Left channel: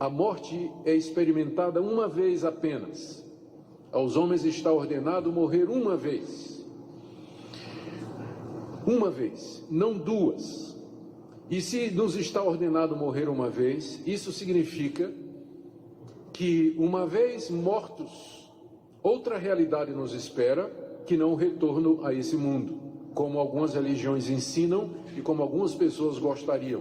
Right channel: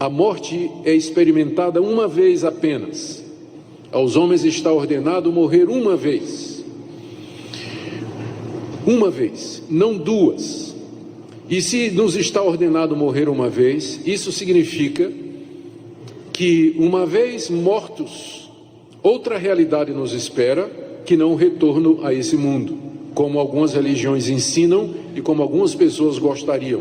A morte é experimentada uma vez apenas. Aos homens está ordenado morrer uma vez. Uma vez, não duas. E se nos está ordenado morrer uma vez, isso significa que, uma vez mortos, outra realidade nos espera, que não o retorno a esse mundo, como algumas religiões ensinam e como algumas pessoas gostariam.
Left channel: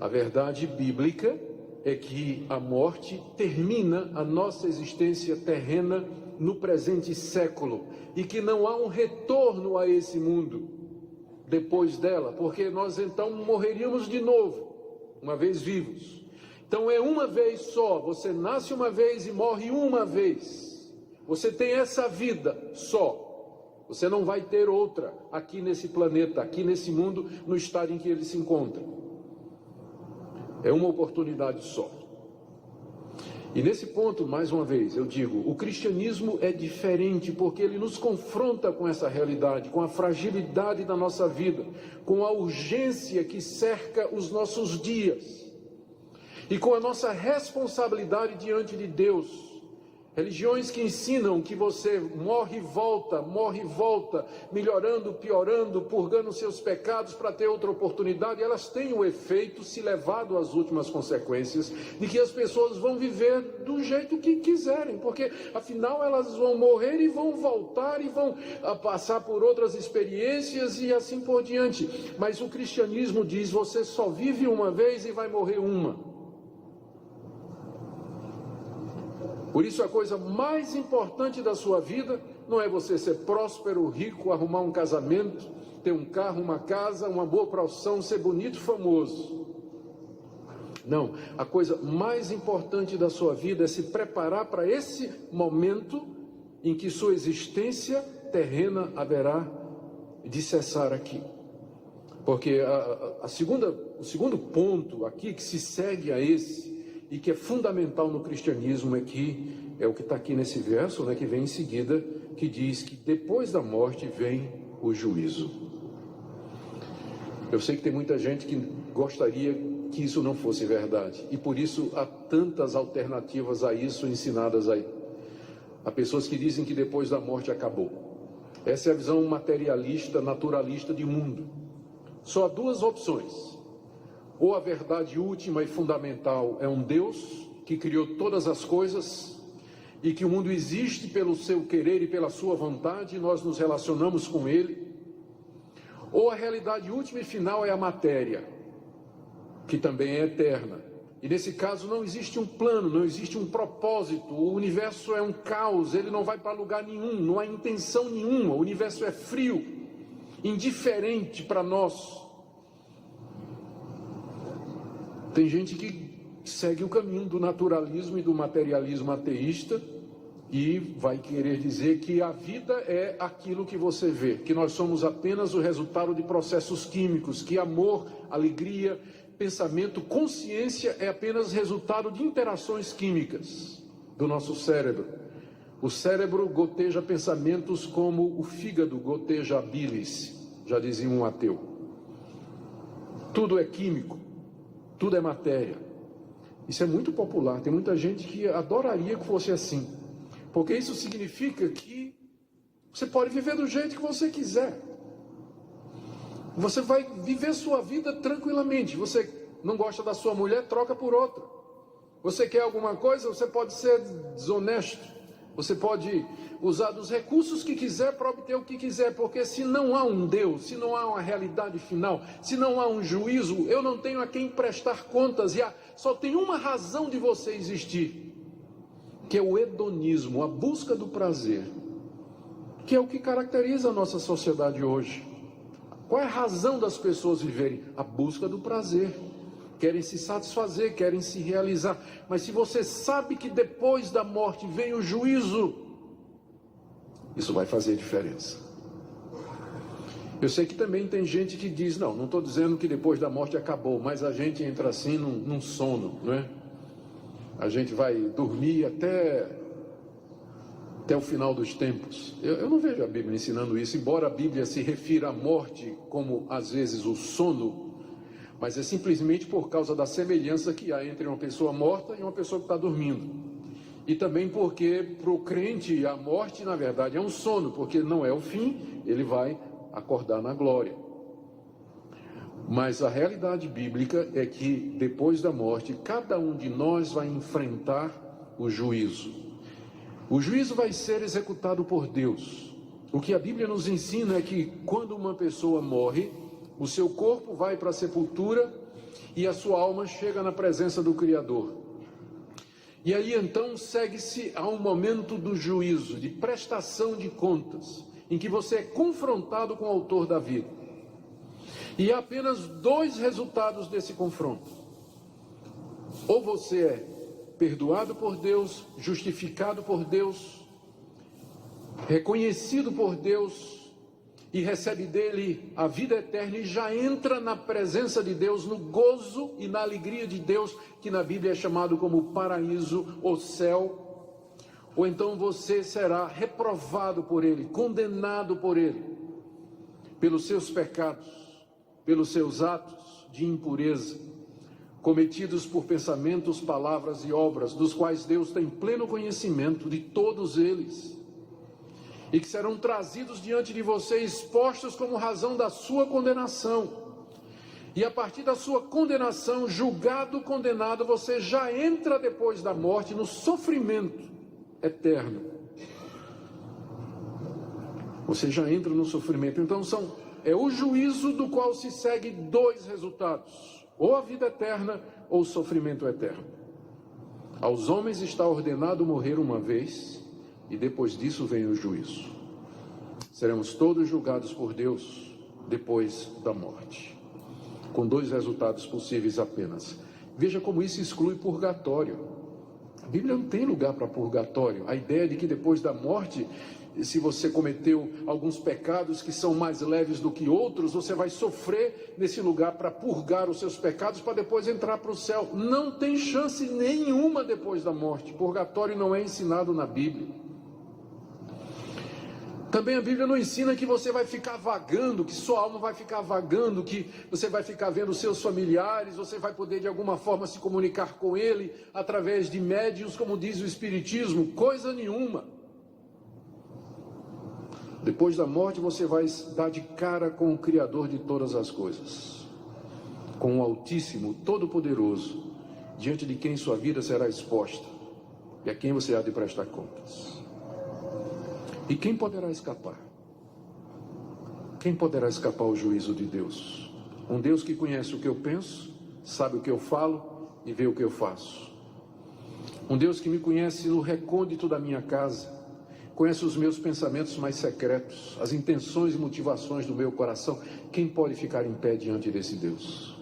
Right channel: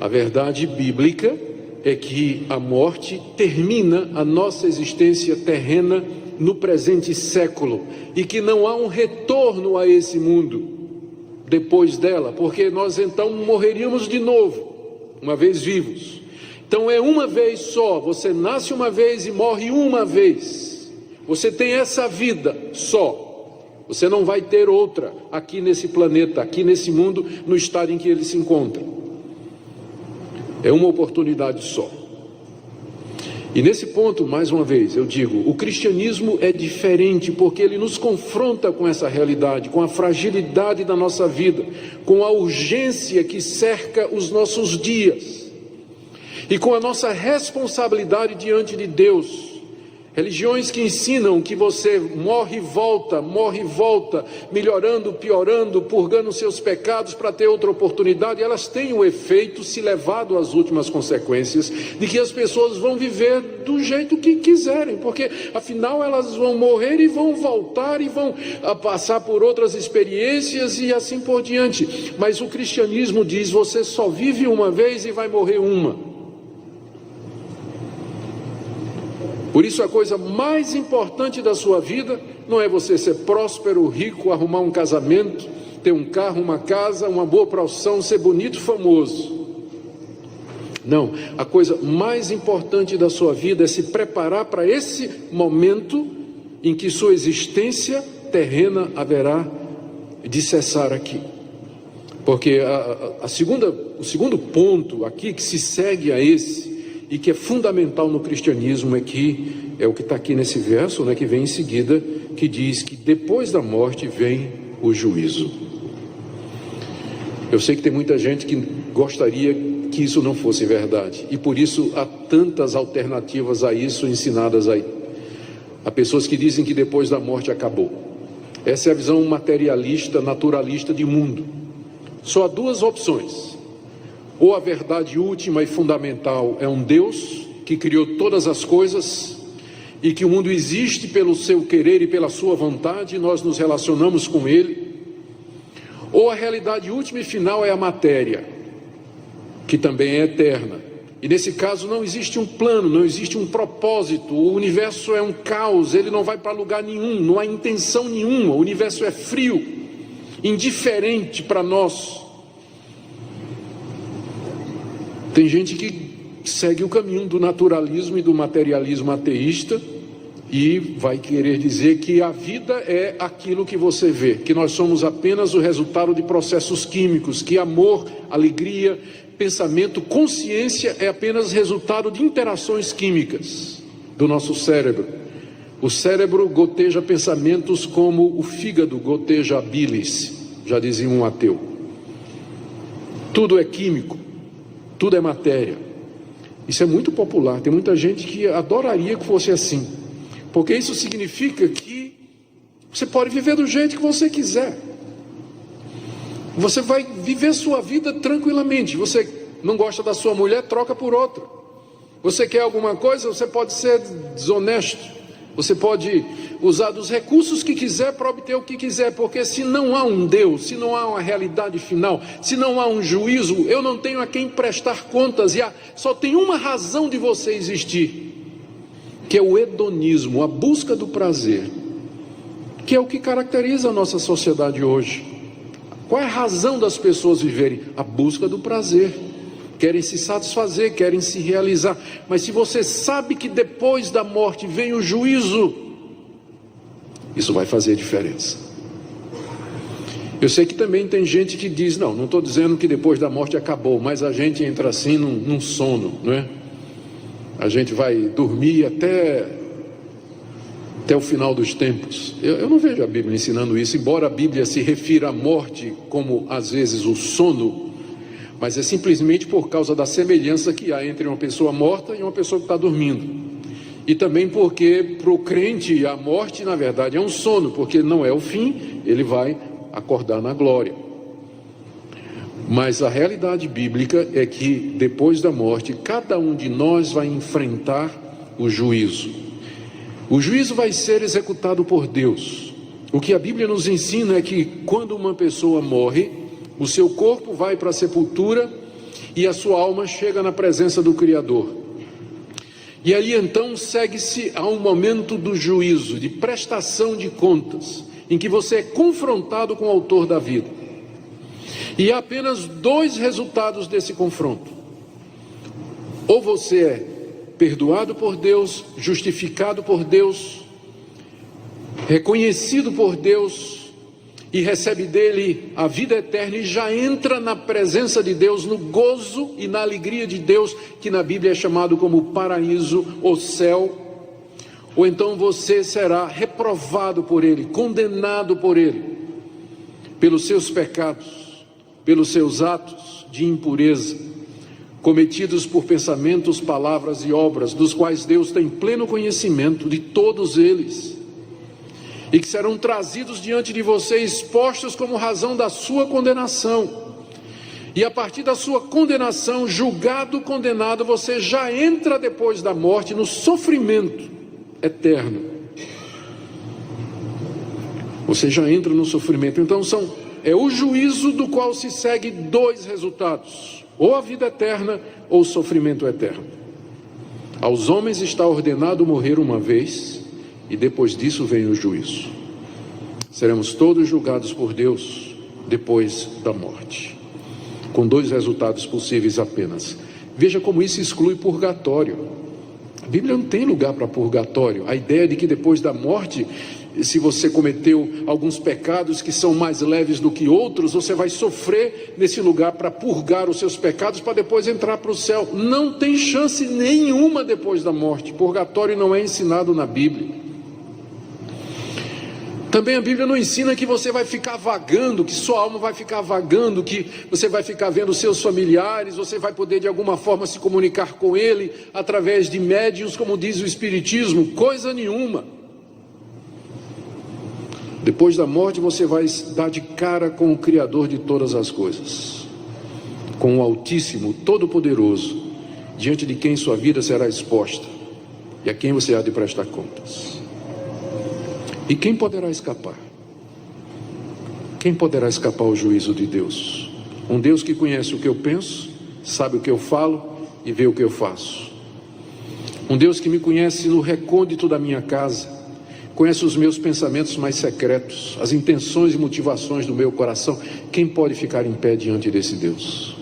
A verdade bíblica é que a morte termina a nossa existência terrena no presente século e que não há um retorno a esse mundo depois dela, porque nós então morreríamos de novo, uma vez vivos. Então é uma vez só, você nasce uma vez e morre uma vez. Você tem essa vida só. Você não vai ter outra aqui nesse planeta, aqui nesse mundo, no estado em que ele se encontra. É uma oportunidade só. E nesse ponto, mais uma vez, eu digo, o cristianismo é diferente porque ele nos confronta com essa realidade, com a fragilidade da nossa vida, com a urgência que cerca os nossos dias e com a nossa responsabilidade diante de Deus. Religiões que ensinam que você morre e volta, melhorando, piorando, purgando seus pecados para ter outra oportunidade, elas têm o efeito, se levado às últimas consequências, de que as pessoas vão viver do jeito que quiserem, porque afinal elas vão morrer e vão voltar e vão passar por outras experiências e assim por diante. Mas o cristianismo diz, você só vive uma vez e vai morrer uma. Por isso a coisa mais importante da sua vida não é você ser próspero, rico, arrumar um casamento, ter um carro, uma casa, uma boa profissão, ser bonito, famoso. Não, a coisa mais importante da sua vida é se preparar para esse momento em que sua existência terrena haverá de cessar aqui. Porque o segundo ponto aqui que se segue a esse, e que é fundamental no cristianismo, é o que está aqui nesse verso, né, que vem em seguida, que diz que depois da morte vem o juízo. Eu sei que tem muita gente que gostaria que isso não fosse verdade, e por isso há tantas alternativas a isso ensinadas aí. Há pessoas que dizem que depois da morte acabou. Essa é a visão materialista, naturalista de mundo. Só há duas opções. Ou a verdade última e fundamental é um Deus que criou todas as coisas e que o mundo existe pelo seu querer e pela sua vontade e nós nos relacionamos com ele. Ou a realidade última e final é a matéria, que também é eterna. E nesse caso não existe um plano, não existe um propósito, o universo é um caos, ele não vai para lugar nenhum, não há intenção nenhuma, o universo é frio, indiferente para nós. Tem gente que segue o caminho do naturalismo e do materialismo ateísta e vai querer dizer que a vida é aquilo que você vê, que nós somos apenas o resultado de processos químicos, que amor, alegria, pensamento, consciência é apenas resultado de interações químicas do nosso cérebro. O cérebro goteja pensamentos como o fígado goteja a bilis, já dizia um ateu. Tudo é químico. Tudo é matéria. Isso é muito popular. Tem muita gente que adoraria que fosse assim. Porque isso significa que você pode viver do jeito que você quiser. Você vai viver sua vida tranquilamente. Você não gosta da sua mulher, troca por outra. Você quer alguma coisa, você pode ser desonesto. Você pode usar dos recursos que quiser para obter o que quiser, porque se não há um Deus, se não há uma realidade final, se não há um juízo, eu não tenho a quem prestar contas, e só tem uma razão de você existir, que é o hedonismo, a busca do prazer, que é o que caracteriza a nossa sociedade hoje. Qual é a razão das pessoas viverem? A busca do prazer. Querem se satisfazer, querem se realizar. Mas se você sabe que depois da morte vem o juízo, isso vai fazer diferença. Eu sei que também tem gente que diz, não estou dizendo que depois da morte acabou, mas a gente entra assim num sono, não é? A gente vai dormir até o final dos tempos. Eu não vejo a Bíblia ensinando isso, embora a Bíblia se refira à morte como às vezes o sono, mas é simplesmente por causa da semelhança que há entre uma pessoa morta e uma pessoa que está dormindo. E também porque para o crente a morte, na verdade, é um sono, porque não é o fim, ele vai acordar na glória. Mas a realidade bíblica é que depois da morte, cada um de nós vai enfrentar o juízo. O juízo vai ser executado por Deus. O que a Bíblia nos ensina é que quando uma pessoa morre, o seu corpo vai para a sepultura e a sua alma chega na presença do Criador. E aí então segue-se a um momento do juízo, de prestação de contas, em que você é confrontado com o autor da vida. E há apenas dois resultados desse confronto. Ou você é perdoado por Deus, justificado por Deus, reconhecido por Deus e recebe dele a vida eterna e já entra na presença de Deus, no gozo e na alegria de Deus, que na Bíblia é chamado como paraíso ou céu. Ou então você será reprovado por ele, condenado por ele, pelos seus pecados, pelos seus atos de impureza, cometidos por pensamentos, palavras e obras, dos quais Deus tem pleno conhecimento de todos eles, e que serão trazidos diante de você, expostos como razão da sua condenação. E a partir da sua condenação, julgado, condenado, você já entra depois da morte no sofrimento eterno. Você já entra no sofrimento. Então é o juízo do qual se segue dois resultados: ou a vida eterna ou o sofrimento eterno. Aos homens está ordenado morrer uma vez, e depois disso vem o juízo. Seremos todos julgados por Deus depois da morte, com dois resultados possíveis apenas. Veja como isso exclui purgatório. A Bíblia não tem lugar para purgatório. A ideia de que depois da morte, se você cometeu alguns pecados que são mais leves do que outros, você vai sofrer nesse lugar para purgar os seus pecados, para depois entrar para o céu. Não tem chance nenhuma depois da morte. Purgatório não é ensinado na Bíblia. Também a Bíblia não ensina que você vai ficar vagando, que sua alma vai ficar vagando, que você vai ficar vendo seus familiares, você vai poder de alguma forma se comunicar com ele através de médiuns, como diz o Espiritismo. Coisa nenhuma. Depois da morte você vai dar de cara com o Criador de todas as coisas, com o Altíssimo, Todo-Poderoso, diante de quem sua vida será exposta e a quem você há de prestar contas. E quem poderá escapar? Quem poderá escapar ao juízo de Deus? Um Deus que conhece o que eu penso, sabe o que eu falo e vê o que eu faço. Um Deus que me conhece no recôndito da minha casa, conhece os meus pensamentos mais secretos, as intenções e motivações do meu coração. Quem pode ficar em pé diante desse Deus?